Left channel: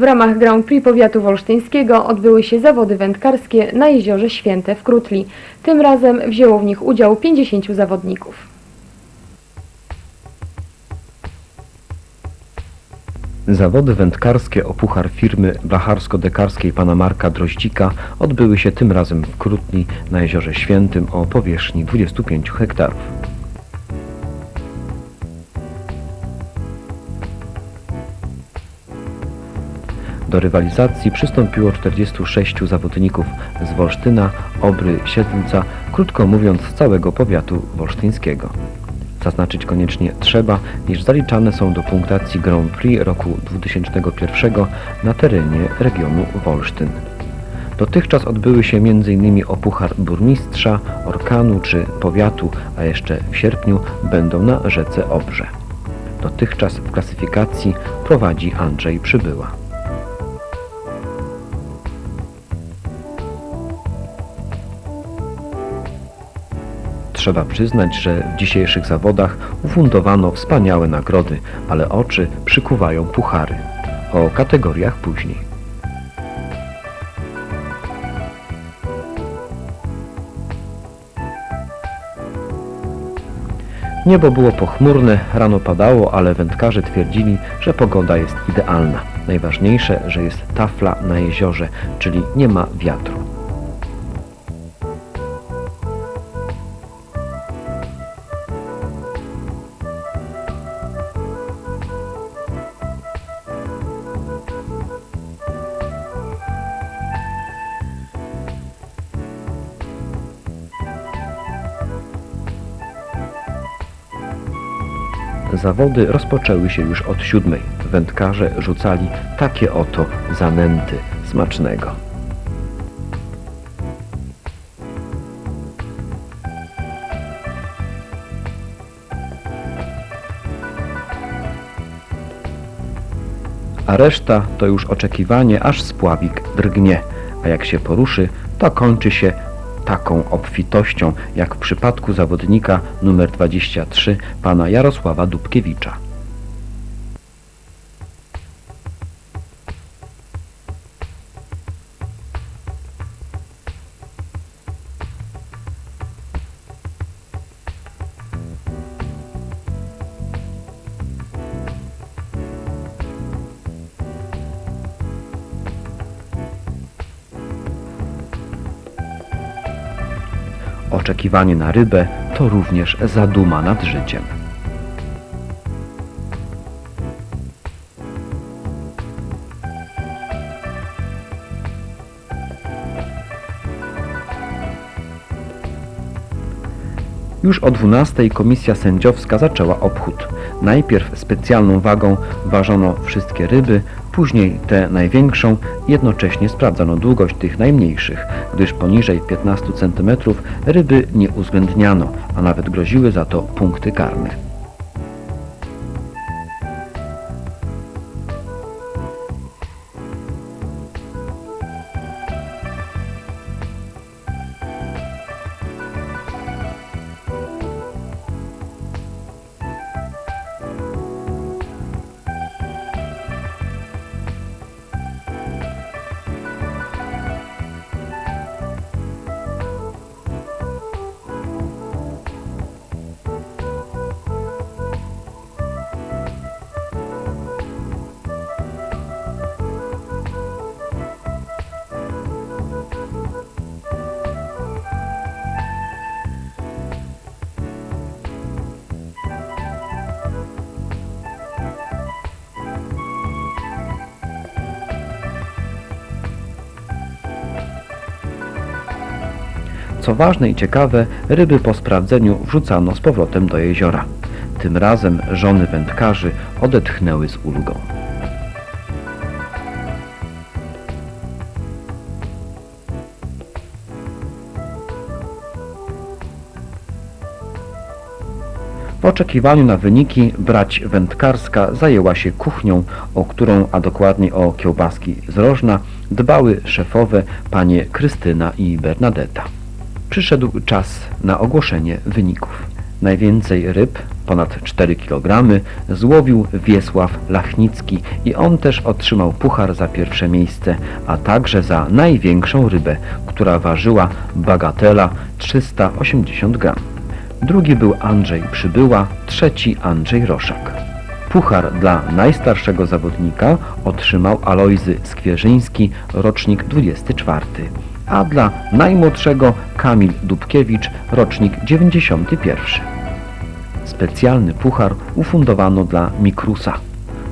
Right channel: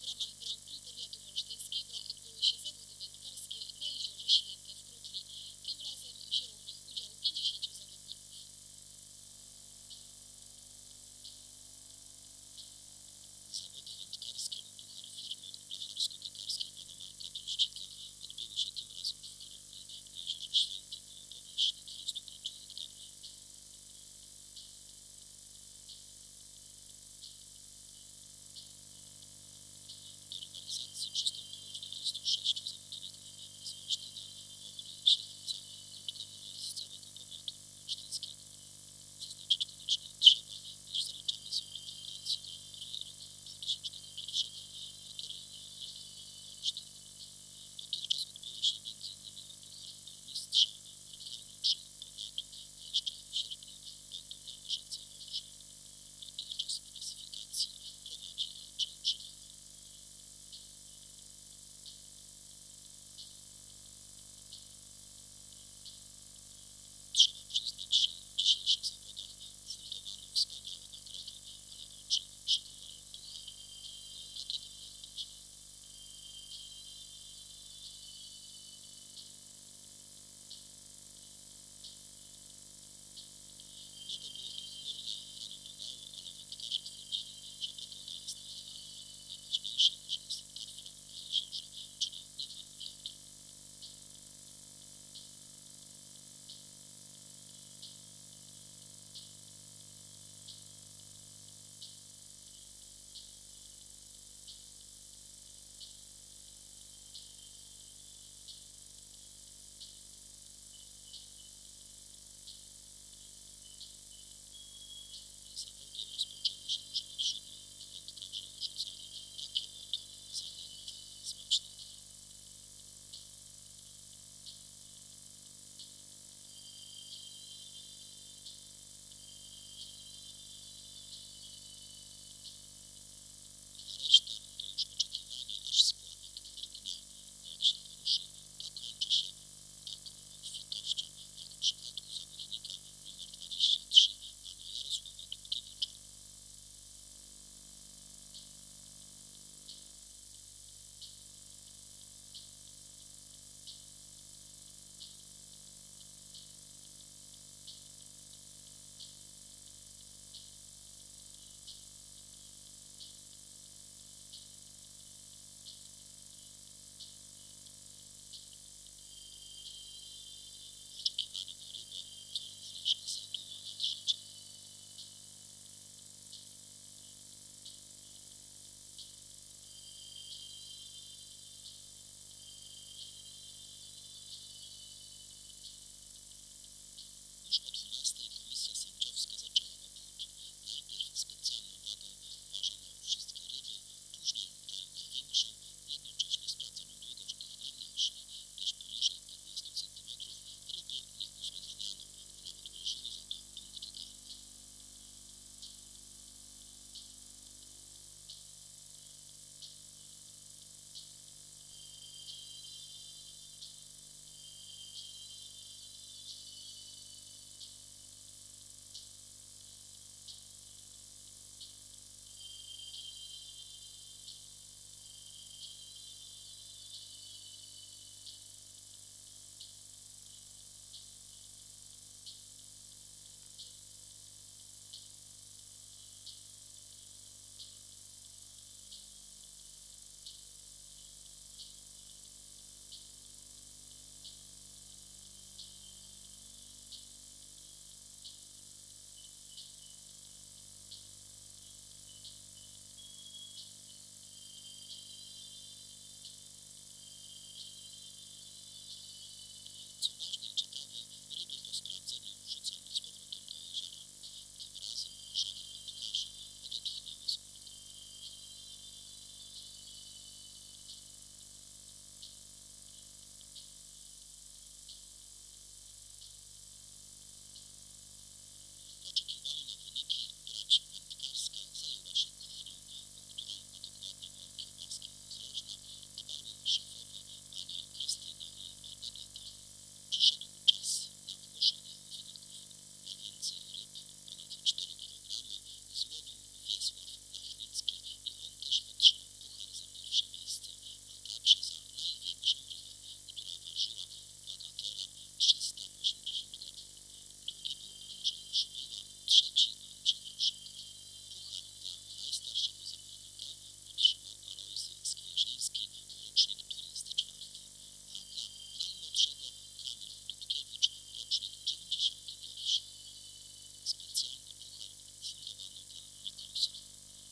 W ramach Grand Prix Powiatu Wolsztyńskiego odbyły się zawody wędkarskie na jeziorze Święte w Krutli. Tym razem wzięło w nich udział 50 zawodników. Zawody wędkarskie o puchar firmy wacharsko-dekarskiej pana Marka Droździka odbyły się tym razem w Krutni na Jeziorze Świętym o powierzchni 25 hektarów. Do rywalizacji przystąpiło 46 zawodników z Wolsztyna, Obry, Siedlca, krótko mówiąc z całego powiatu wolsztyńskiego. Zaznaczyć koniecznie trzeba, iż zaliczane są do punktacji Grand Prix roku 2001 na terenie regionu Wolsztyn. Dotychczas odbyły się m.in. o Puchar Burmistrza, Orkanu czy Powiatu, a jeszcze w sierpniu będą na rzece Obrze. Dotychczas w klasyfikacji prowadzi Andrzej Przybyła. Trzeba przyznać, że w dzisiejszych zawodach ufundowano wspaniałe nagrody, ale oczy przykuwają puchary. O kategoriach później. Niebo było pochmurne, rano padało, ale wędkarze twierdzili, że pogoda jest idealna. Najważniejsze, że jest tafla na jeziorze, czyli nie ma wiatru. Zawody rozpoczęły się już od siódmej. Wędkarze rzucali takie oto zanęty smacznego. A reszta to już oczekiwanie, aż spławik drgnie, a jak się poruszy, to kończy się taką obfitością, jak w przypadku zawodnika numer 23, pana Jarosława Dubkiewicza. Oczekiwanie na rybę to również zaduma nad życiem. Już o 12 komisja sędziowska zaczęła obchód. Najpierw specjalną wagą ważono wszystkie ryby, później tę największą, jednocześnie sprawdzano długość tych najmniejszych, gdyż poniżej 15 cm ryby nie uwzględniano, a nawet groziły za to punkty karne. Co ważne i ciekawe, ryby po sprawdzeniu wrzucano z powrotem do jeziora. Tym razem żony wędkarzy odetchnęły z ulgą. W oczekiwaniu na wyniki brać wędkarska zajęła się kuchnią, o którą, a dokładnie o kiełbaski z rożna, dbały szefowe panie Krystyna i Bernadetta. Przyszedł czas na ogłoszenie wyników. Najwięcej ryb, ponad 4 kg, złowił Wiesław Lachnicki i on też otrzymał puchar za pierwsze miejsce, a także za największą rybę, która ważyła bagatela 380 gram. Drugi był Andrzej Przybyła, trzeci Andrzej Roszak. Puchar dla najstarszego zawodnika otrzymał Alojzy Skwierzyński, rocznik 24, a dla najmłodszego Kamil Dubkiewicz, rocznik 91. Specjalny puchar ufundowano dla Mikrusa.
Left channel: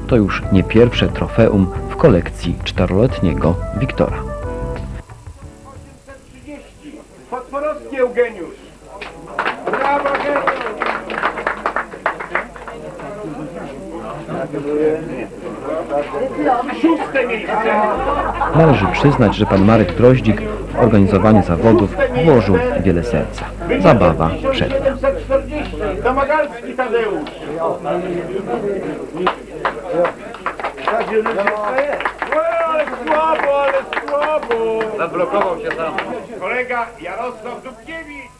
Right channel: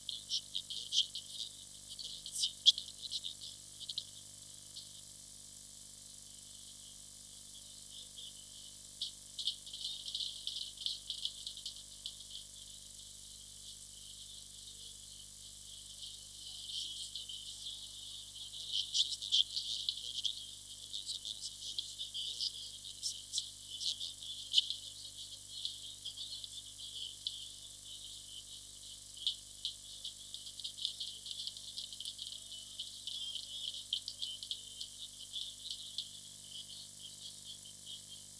To już nie pierwsze trofeum w kolekcji czteroletniego Wiktora. 830. Potworowski Eugeniusz. Należy przyznać, że pan Marek Droździk w organizowaniu zawodów włożył wiele serca. Zabawa przed. 740. Domagalski Tadeusz. Ale słabo, ale słabo. Zablokował się sam. Kolega Jarosław Dubkiewicz.